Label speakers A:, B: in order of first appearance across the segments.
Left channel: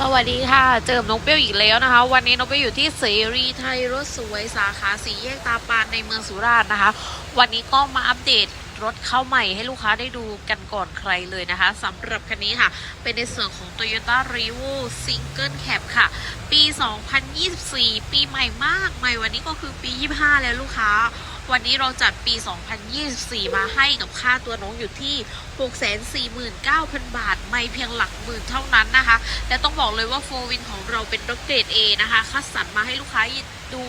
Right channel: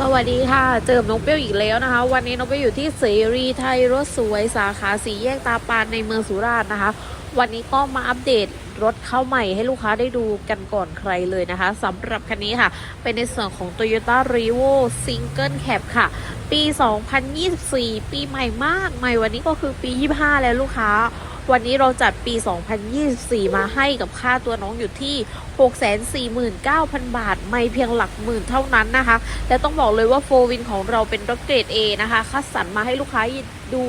A: สวัสดีค่ะ เจอกับน้องเปรี้ยวอีกแล้วนะคะ วันนี้น้องเปรี้ยวอยู่ที่เสรีไทยรถสวยสาขาสีแยกตาปานในเมืองสุราษฎร์นะคะ วันนี้ก็มาอัปเดตรถเข้าใหม่ให้ลูกค้าได้ดูกันก่อนใครเลยนะคะสำหรับคันนี้ค่ะ เป็นในส่วนของ Toyota r e v o Single Cab ค่ะ ปี 2024 ปีใหม่มากใหม่วันนี้ก็คือปี 25 แล้วลูกค้า วันนี้เราจัดปี 2024 มาให้กับค่าตัวน้องอยู่ที่649,000 บาท ไม่เพียงหลักหมื่นเท่านั้นนะคะ และต้องบอกเลยว่าโฟวินของเราเป็นรถเกรด A นะคะ คัดสรรมาให้ลูกค้าดู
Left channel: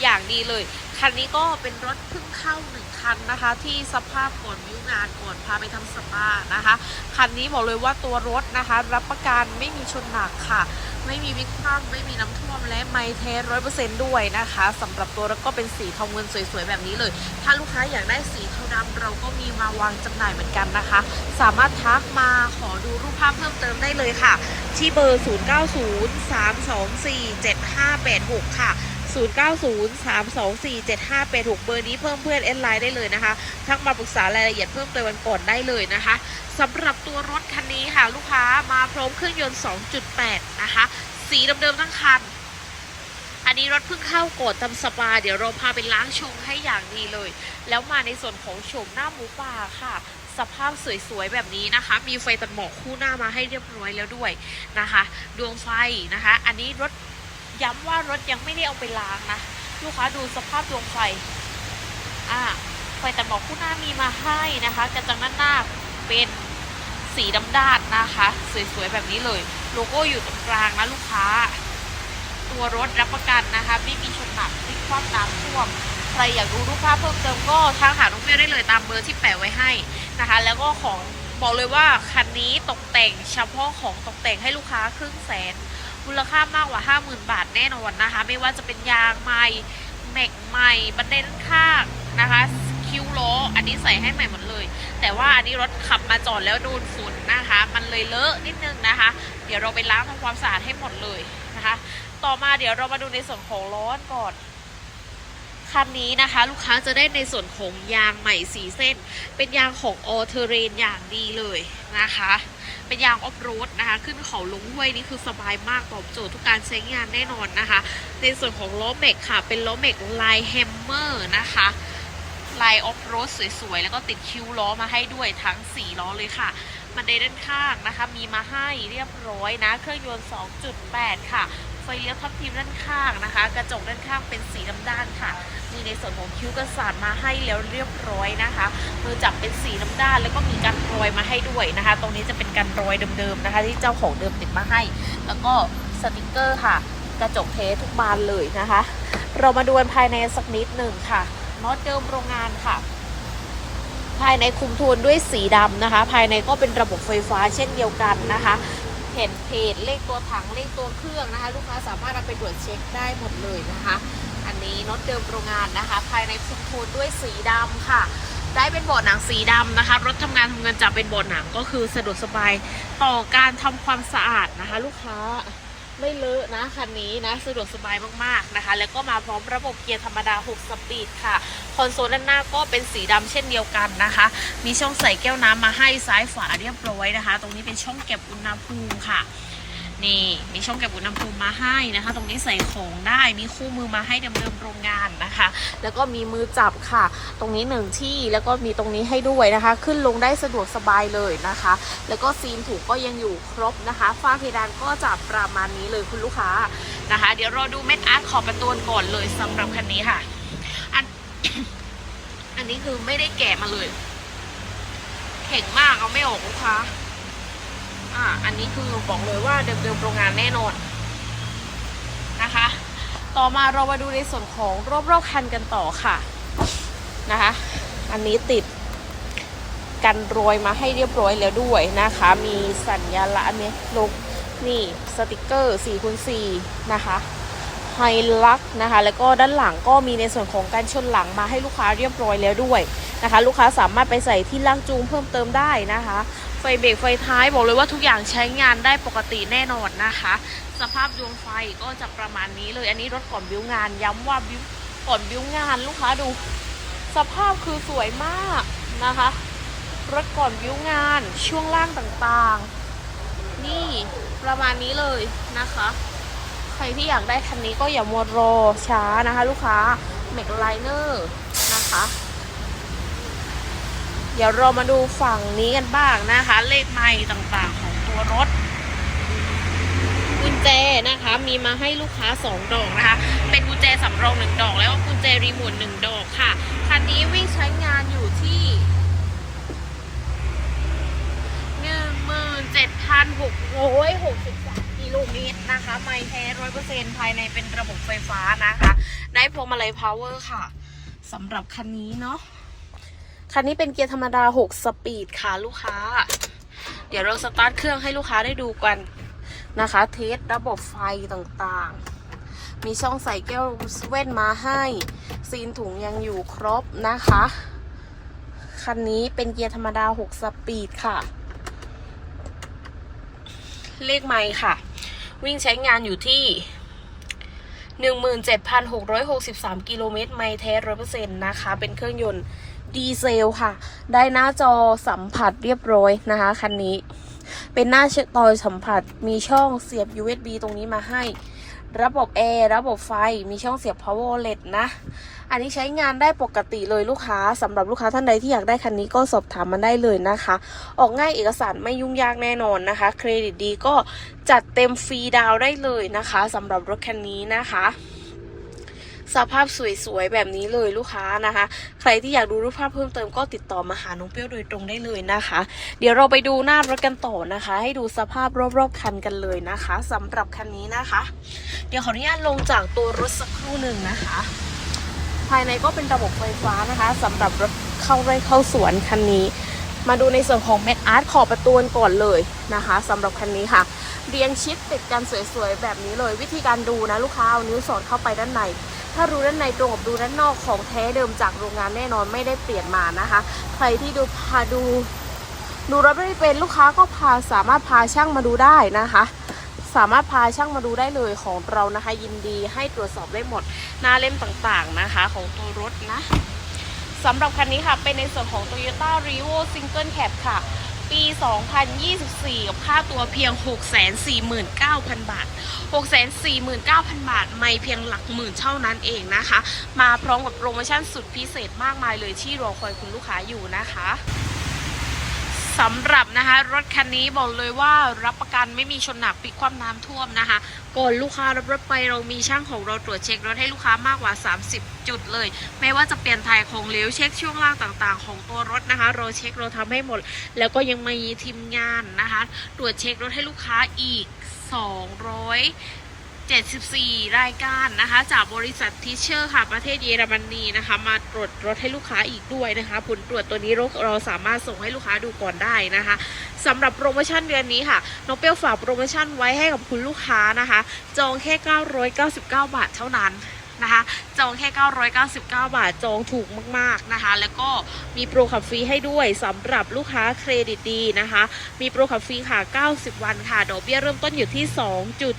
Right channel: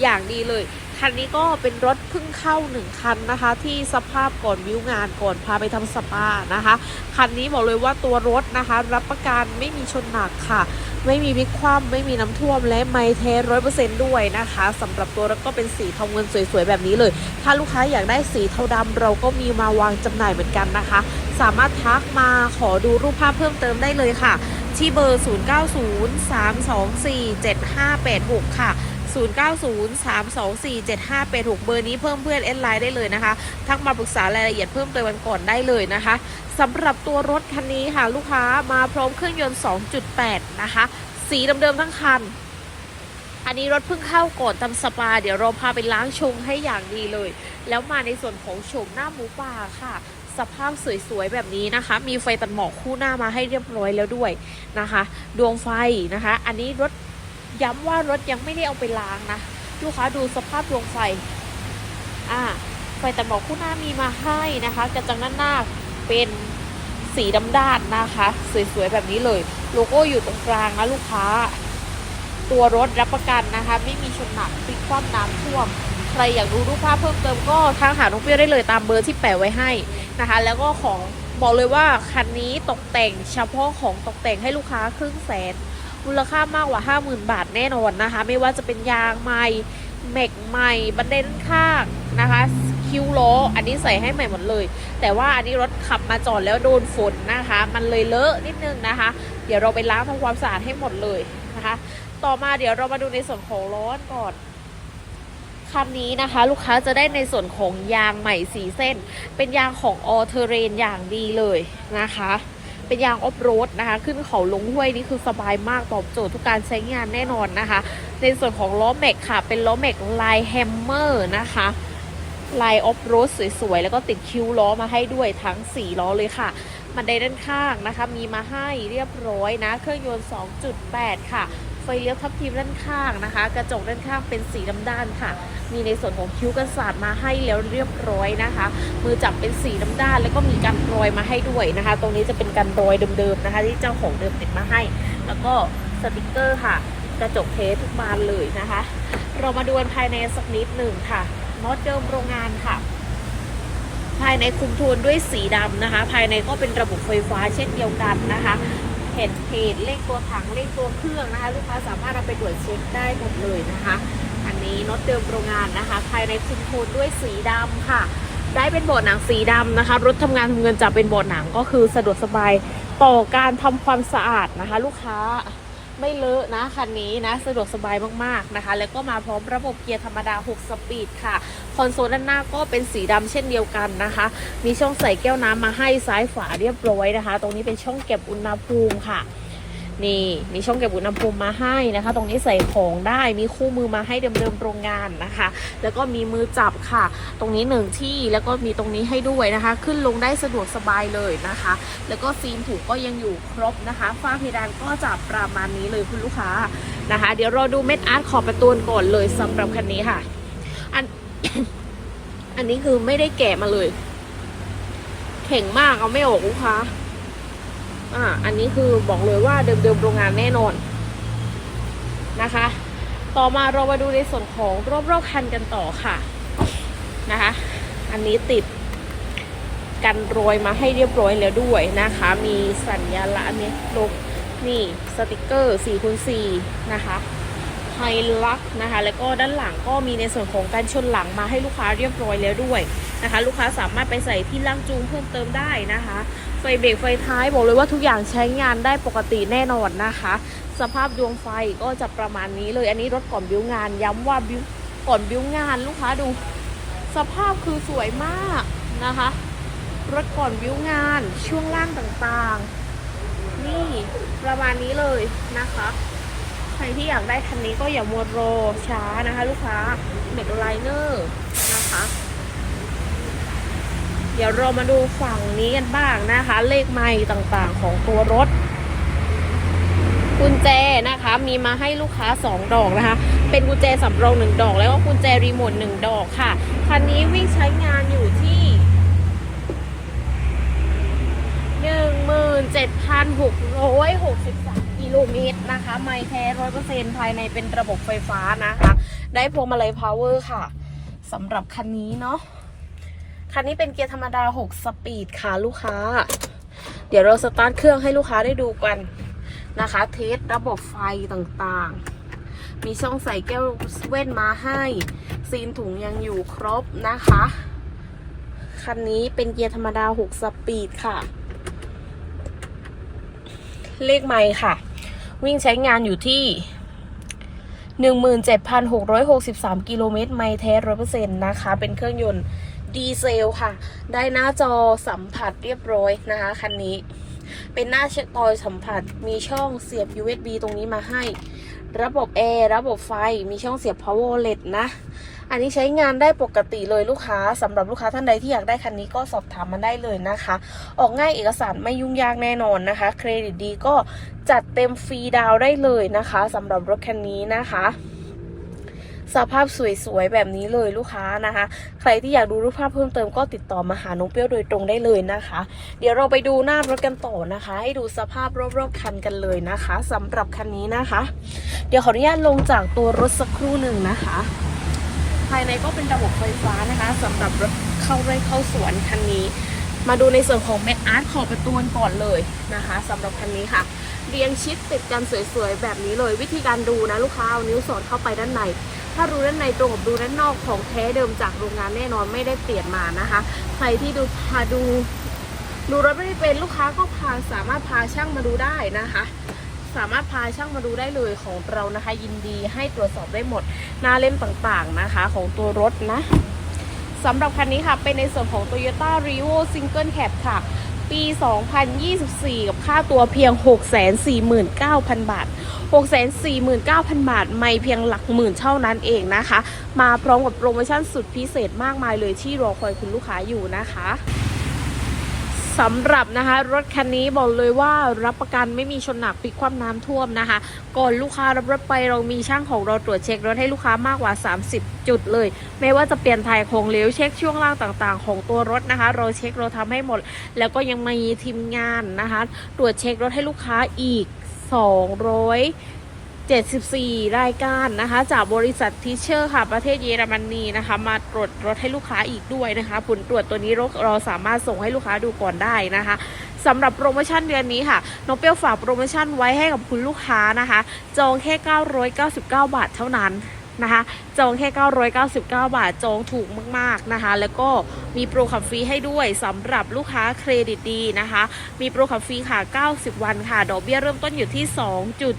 A: อย่างดีเลย คันนี้ก็เป็นรถเพิ่งเข้าหนึ่งคันนะคะ ที่สภาพก่อนวิวงานก่อนพาไปทำสปานะคะ คันนี้บอกเลยว่าตัวรถนะคะ รับประกันไม่มีชนหนักค่ะ ไม่มีพลิกคว่ำไม่มีน้ำท่วมและไม่เทร้อยเปอร์เซ็นต์ด้วยนะคะสำหรับตัวรถก็เป็นสีทองเงินสวยๆแบบนี้เลย ถ้าลูกค้าอยากได้สีเทาดำเราก็มีมาวางจำหน่ายเหมือนกันนะคะสามารถทักมาขอดูรูปภาพเพิ่มเติมได้เลยค่ะ ที่เบอร์ 0903247586 ค่ะ 0903247586 เบอร์นี้เพิ่มเพื่อนแอดไลน์ได้เลยนะคะ ทักมาปรึกษารายละเอียดเพิ่มเติมกันก่อนได้เลยนะคะสำหรับตัวรถคันนี้ค่ะ ลูกค้ามาพร้อมเครื่องยนต์ 2.8 นะคะ สีเดิมๆทั้งคันอันนี้รถเพิ่งเข้าก่อนทำสปา เดี๋ยวเราพาไปล้างชงให้อย่างดีเลย แล้วมาในส่วนของโฉมหน้าหมูป่าค่ะ สภาพสวยๆแบบนี้นะคะ มีไฟตัดหมอกคู่หน้ามาให้เรียบร้อยแล้วด้วยนะคะ ดวงไฟนะคะ อันนี้รถย้ำว่ารถยังไม่ได้เอาไปล้างนะลูกค้าดูสภาพดวงไฟอ่าไฟตัดหมอกคู่หน้ามีมาให้นะคะกระจังด้านหน้าเป็นสีดำด้านนะคะ สวยๆแบบนี้เลย โลโก้อยู่ตรงกลางนะลูกค้า ตัวรถรับประกันนะคะ ไม่มีชนหนักพลิกคว่ำน้ำท่วม ใครอยากดูรูปภาพเพิ่มเติมก็ทางหาน้องเปรี้ยวได้เลยตามเบอร์ที่แปะไว้ให้นะคะ แล้วก็ของบอกเลยว่าคันนี้ตกแต่งเฉพาะของตกแต่งให้ลูกค้าครึ่งแสนมูลค่ามากกว่า 50,000 บาทแน่นอนนะคะ ไม่ว่าจะเป็นยางใหม่แม็กใหม่บันไดด้านข้างนะคะคิ้วล้ออันนี้ใส่ให้ใหม่หมดเลย แต่ว่าอันนี้รถขับมาจอดแล้วโดนฝนนะคะ มันเลยเลอะนิดนึงนะคะ เดี๋ยวเราไปล้างทำความสะอาดให้หมดเลยนะคะ ต่อมาเดี๋ยวเรามาดูในส่วนของล้อก่อน คันนี้นะคะ ลูกค้าจะได้ในส่วนของยางใหม่สีเส้น เป็นยางของออเทเรนอย่างดีเลยนะคะ เป็นยางออฟโรดนะคะ ขึ้นเขาลงห้วยนี่คือสบายมากตอบโจทย์ทุกการใช้งานแน่นอนนะคะ ในส่วนของล้อแม็กค่ะ เป็นล้อแม็กลายแฮมเมอร์นะคะลายออฟโรดสวยๆ แล้วก็ติดคิ้วล้อมาให้ด้วยทั้ง 4 ล้อเลยค่ะ มันไดด้านข้างนะคะ มีมาให้เรียบร้อยนะ เครื่องยนต์ 2.8 ค่ะ ไฟเลี้ยวทับทิมด้านข้างนะคะ กระจกด้านข้างเป็นสีดำด้านค่ะ มีในส่วนของคิ้วกันศาสตร์มาให้แล้วเรียบร้อยนะคะ มือจับเป็นสีน้ำด้าน แล้วก็มีการรอยมาให้ด้วยนะคะ ตรงนี้จะเป็นการรอยเดิมๆนะคะ ที่เจ้าของเดิมติดมาให้ แล้วก็สติกเกอร์ค่ะ กระจกเทสทุกบานเลยนะคะ เรามาดูภายในสักนิดหนึ่งค่ะน็อตเดิมโรงงานค่ะภายในคุมโทนด้วยสีดำนะคะ ภายในก็เป็นระบบไฟฟ้าเช่นเดียวกันนะคะ เห็นเพจเลขตัวถังเลขตัวเครื่องนะคะ ลูกค้าสามารถเอาไปตรวจเช็คได้หมดเลยนะคะ อันนี้น็อตเดิมโรงงานนะคะ ภายในพิมพ์โทนด้วยสีดำค่ะ ได้เป็นเบาะหนังสีดำนะคะ รถทำงานทำเงินจะเป็นเบาะหนังก็คือสะดวกสบายต่อการทำความสะอาดนะคะ ลูกค้า เลอะนะคันนี้นะสะดวกสบายมากๆนะคะ แล้วก็มาพร้อมระบบเกียร์ธรรมดา 6 สปีดค่ะ คอนโซลด้านหน้าก็เป็นสีดำเช่นเดียวกันนะคะ มีช่องใส่แก้วน้ำมาให้ซ้ายฝาเรียบร้อยนะคะ ตรงนี้เป็นช่องเก็บอุณหภูมิค่ะ นี่มีช่องเก็บอุณหภูมิมาให้นะคะ ตรงนี้ใส่ของได้มีคู่มือมาให้เดิมๆโรงงานนะคะ แล้วก็มีมือจับค่ะ ตรงนี้หนึ่งที่แล้วก็มีตรงนี้ให้ด้วยนะคะ ขึ้นลงได้สะดวกสบายเลยนะคะ แล้วก็ซีนถูกก็ยังอยู่ครบนะคะฝ้าเพดานก็จะประมาณนี้เลยคุณลูกค้านะคะ เดี๋ยวเราดูเม็ดอาร์ตขอบประตูก่อนเลยสำหรับคันนี้ค่ะอันอันนี้คือไม่ได้แกะมาเลยแข็งมากเอาไม่ออกลูกค้า อ่าอันนี้คือบอกเลยว่าเดิมๆโรงงานแน่นอนนะคะ ต่อมาเรามาดูในส่วนของรอบๆคันกันต่อค่ะนะคะ อันนี้ติดกันรอยมาให้เรียบร้อยแล้วด้วยนะคะ มีสัญญาละอันนี้ลงนี่สติกเกอร์4คูณ4นะคะ ไฮลักนะคะ แล้วก็ด้านหลังก็มีในส่วนของการชนหลังมาให้ลูกค้าเรียบร้อยแล้วด้วยนะคะ ลูกค้าสามารถไปใส่ที่ล่างจูงเพิ่มเติมได้นะคะ ไฟเบรกไฟท้ายบอกเลยว่าทุกอย่างใช้งานได้ปกติแน่นอนนะคะ สภาพดวงไฟก็จะประมาณนี้เลย อันนี้รถก่อนบิวงาน ย้ำว่าบิวก่อนบิวงานลูกค้าดู สภาพคือสวยมากนะคะ รถก่อนบิวงานช่วงล่างต่างๆ นี่ประมาณนี้เลยนะคะ ใครที่อยากได้คันนี้ก็อย่ามัวรอช้านะคะ ลูกค้าเมกไลเนอร์นะคะ เดี๋ยวเรามาดูฝั่งนี้กันบ้างนะคะ เลขไม้ต่างๆของตัวรถกุญแจนะคะมีมาให้ลูกค้า 2 ดอกนะคะ เป็นกุญแจสำรอง 1 ดอก แล้วก็กุญแจรีโมท1ดอกค่ะคันนี้วิ่งใช้งานอยู่ที่ 1 7 6 6 0 ลูกนี้นะคะ ไม่แท้ร้อยเปอร์เซ็นภายในเป็นระบบไฟฟ้านะคะ ได้พวงมาลัยพาวเวอร์ค่ะสำหรับคันนี้เนาะคันนี้เป็นเกียร์ธรรมดา 6 สปีดค่ะลูกค้า เดี๋ยวเราสตาร์ทเครื่องให้ลูกค้าได้ดูกันนะคะ เทสระบบไฟต่างๆ มีช่องใส่แก้วเว่นมาให้ ซีนถุงยังอยู่ครบนะคะ คันนี้เป็นเกียร์ธรรมดา 6 สปีดค่ะ เลขไม้ค่ะ วิ่งใช้งานอยู่ที่ 17,663 กิโลเมตร ไม่แท้ร้อยเปอร์เซ็นต์นะคะ เป็นเครื่องยนต์ดีเซลค่ะ ได้หน้าจอสัมผัสเรียบร้อยนะคะ คันนี้ เป็นหน้าเช็คตอยสัมผัส มีช่องเสียบ USB ตรงนี้มาให้ ระบบแอร์ ระบบไฟ มีช่องเสียบ power LED นะ อันนี้ใช้งานได้ปกติเลยลูกค้าสำหรับลูกค้าท่านใดที่อยากได้คันนี้ก็สอบถามมันได้เลยนะคะ ออกง่ายเอกสารไม่ยุ่งยากแน่นอนนะคะ เครดิตดีก็จัดเต็มฟรีดาวได้เลยนะคะสำหรับรถคันนี้นะคะสภาพสวยๆ แบบนี้เลยลูกค้านะคะ ใครที่อยากดูรูปภาพเพิ่มเติมก็ติดต่อมาหาน้องเปรี้ยวโดยตรงได้เลยนะคะ เดี๋ยวเราไปดูหน้ารถกันต่อนะคะ ให้ดูสภาพรอบๆคันกันเลยนะคะสำหรับคันนี้นะคะ เดี๋ยวขออนุญาตลงจากตัวรถสักครู่หนึ่งนะคะ ภายในก็เป็นระบบไฟฟ้านะคะสำหรับรถเข้าไร่เข้าสวนคันนี้ มาดูในส่วนของแม็กอาร์ตขอบประตูก่อนเลยนะคะสำหรับคันนี้ค่ะ เรียงชิดติดกันสวยๆแบบนี้เลย วิธีการดูนะลูกค้าเอานิ้วสอดเข้าไปด้านในถ้ารูด้านในตรงกับรูด้านนอกของแท้เดิมจากโรงงานแน่นอนไม่ได้เปลี่ยนมานะคะ ใครที่ดูพาดูดูรถไม่เป็นลูกค้าก็พาสามารถพาช่างมาดูได้นะคะ สามารถพาช่างมาดูได้เลยของเรานะคะ ยินดีให้ตรวจสอบได้หมดหน้าเล่มต่างๆนะคะของตัวรถนะสำหรับคันนี้ค่ะ เป็นในส่วนของ Toyota r e v o Single Cab ค่ะ ปี 2024 กับค่าตัวเพียง 649,000 บาท 649,000 บาท ไม่เพียงหลักหมื่นเท่านั้นเองนะคะ มาพร้อมกับโปรโมชั่นสุดพิเศษมากมายเลยที่รอคอยคุณลูกค้าอยู่นะคะ สำหรับนะคะ รถคันนี้บอกเลยว่ารับประกันไม่มีชนหนักปิดความน้ำท่วมนะคะ ก่อนลูกค้ารับรถไปเรามีช่างของเราตรวจเช็ครถให้ลูกค้ามากกว่า 30 จุดเลย ไม่ว่าจะเปลี่ยนถ่ายของเหลวเช็คช่วงล่างต่างๆ ของตัวรถนะคะ เราเช็คเราทำให้หมด แล้วก็ยังมีทีมงานนะคะ ตรวจเช็ครถให้ลูกค้าอีก 200 74 รายการนะคะ จากบริษัททิเชอร์ค่ะ ประเทศเยอรมนีนะคะ มาตรวจรถให้ลูกค้าอีกด้วยนะคะ ผลตรวจตัวนี้เราเราสามารถส่งให้ลูกค้าดูก่อนได้นะคะสำหรับโปรโมชั่นเดือนนี้ค่ะน้องเปียวฝากโปรโมชั่นไว้ให้กับคุณลูกค้านะคะ จองแค่ 999 บาทเท่านั้นนะคะ จองแค่ 999 บาท จองถูก มากๆนะคะ แล้วก็มีโปรขับฟรีให้ด้วยสำหรับลูกค้าเครดิตดีนะคะ มีโปรขับฟรีค่ะ 90 วันค่ะ ดอกเบี้ยเริ่มต้นอยู่ที่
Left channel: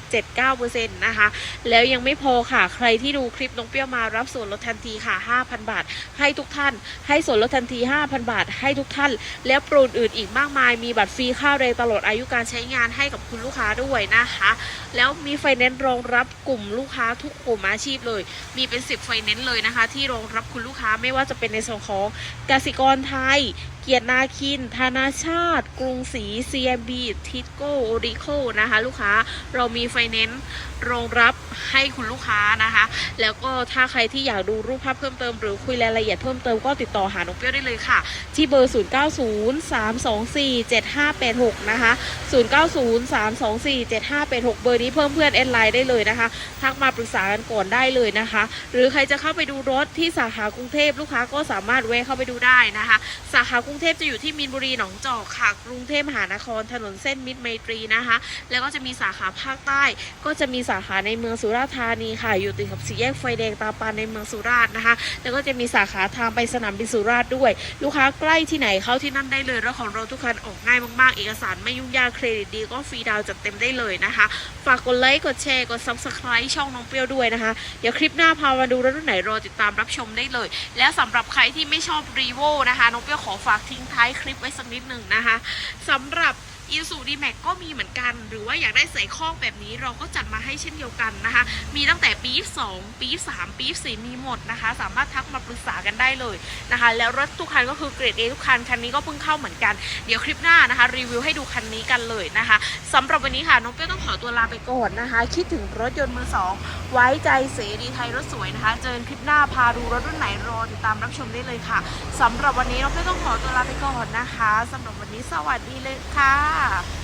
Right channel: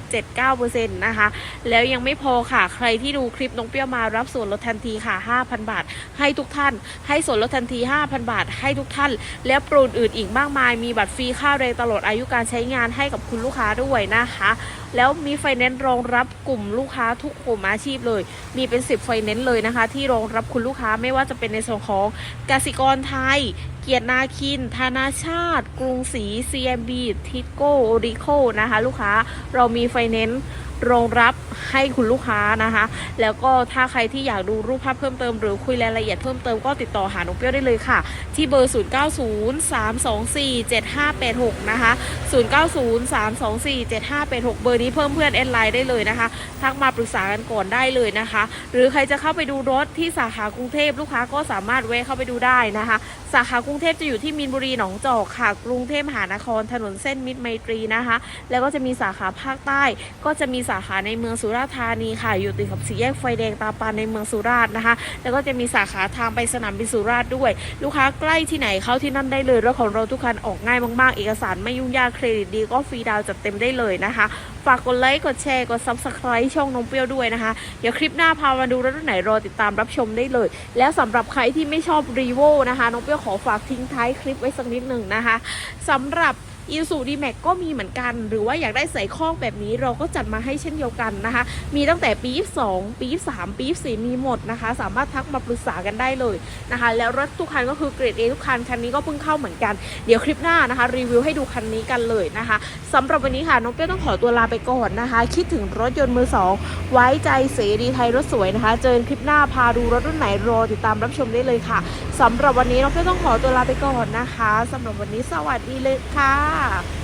A: 2.79%นะคะ แล้วยังไม่พอค่ะ ใครที่ดูคลิปน้องเปรี้ยวมารับส่วนลดทันทีค่ะ 5,000 บาท ให้ทุกท่าน ให้ส่วนลดทันที 5,000 บาท ให้ทุกท่าน และโปรอื่นอีกมากมาย มีบัตรฟรีค่าแรงตลอดอายุการใช้งานให้กับคุณลูกค้าด้วยนะคะ แล้วมีไฟแนนซ์รองรับกลุ่มลูกค้าทุกกลุ่มอาชีพเลย มีเป็น 10 ไฟแนนซ์เลยนะคะ ที่รองรับคุณลูกค้าไม่ว่าจะเป็นในส่วนของกสิกรไทยเกียรตินาคิน ธนาชาติ กรุงศรี CMB ทิโก้โอริโคนะคะ ลูกค้าเรามีไฟแนนซ์รองรับให้คุณลูกค้านะคะ แล้วก็ถ้าใครที่อยากดูรูปภาพเพิ่มเติมหรือคุยรายละเอียดเพิ่มเติมก็ติดต่อหาน้องเปรี้ยวได้เลยค่ะ ที่เบอร์ 0903247586 นะคะ 0903247586 เบอร์นี้เพิ่มเพื่อนเอ็นไลน์ได้เลยนะคะ ทักมาปรึกษากันก่อนได้เลยนะคะ หรือใครจะเข้าไปดูรถที่สาขากรุงเทพลูกค้าก็สามารถแวะเข้าไปดูได้นะคะ สาขากรุงุงเทพจะอยู่ที่มีนบุรีหนองจอกค่ะ กรุงเทพมหานครถนนเส้นมิตรไมตรีนะคะ แล้วก็จะมีสาขาภาคใต้ ก็จะมีสาขาในเมืองสุราษฎร์ธานีค่ะ อยู่ติดกับสี่แยกไฟแดงตาปานในเมืองสุราษฎร์นะคะ แล้วก็จะมีสาขาทางไปสนามบินสุราษฎร์ด้วย ลูกค้าใกล้ที่ไหนเข้าที่นั่นได้เลยรถของเราทุกคันออกง่ายมากๆ เอกสารไม่ยุ่งยากเครดิตดีก็ฟรีดาวน์จัดเต็มได้เลยนะคะ ฝากกดไลค์กดแชร์กด subscribe ช่องน้องเปรี้ยวด้วยนะคะ เดี๋ยวคลิปหน้าพามาดูรถรุ่นไหนรอติดตามรับชมได้เลย แล้วสำหรับใครที่ไม่ชอบรีโวนะคะน้องเปรี้ยวขอฝากทิ้งท้ายคลิปไว้สักนิดหนึ่งนะคะสำหรับ อีซูดีแม็กก็มีเหมือนกัน หรือว่าอยากได้ใส่ข้อกแบบนี้เราก็จัดมาให้เช่นเดียวกันนะคะ มีตั้งแต่ปี2ปี3ปี4มีหมดนะคะ สามารถทักมาปรึกษากันได้เลยนะคะ แล้วรถทุกคันก็คือเกรด A ทุกคัน คันนี้ก็เพิ่งเข้าเหมือนกัน เดี๋ยวคลิปหน้านะคะ รีวิวให้ดูคันนี้กันเลยนะคะสำหรับวันนี้ค่ะ น้องเปี้ยวต้องขอตัวลาไปก่อนนะคะ คิดถึงรถยนต์มือสองไว้ใจเสรีไทยรถสวยนะคะ เจอคลิปหน้าพาดูรถรุ่นไหนรอติดตามรับชมได้เลยค่ะสำหรับวันนี้น้องเปี้ยวต้องขอตัวลาไปก่อนนะคะสำหรับวันนี้สวัสดีเลยค่ะ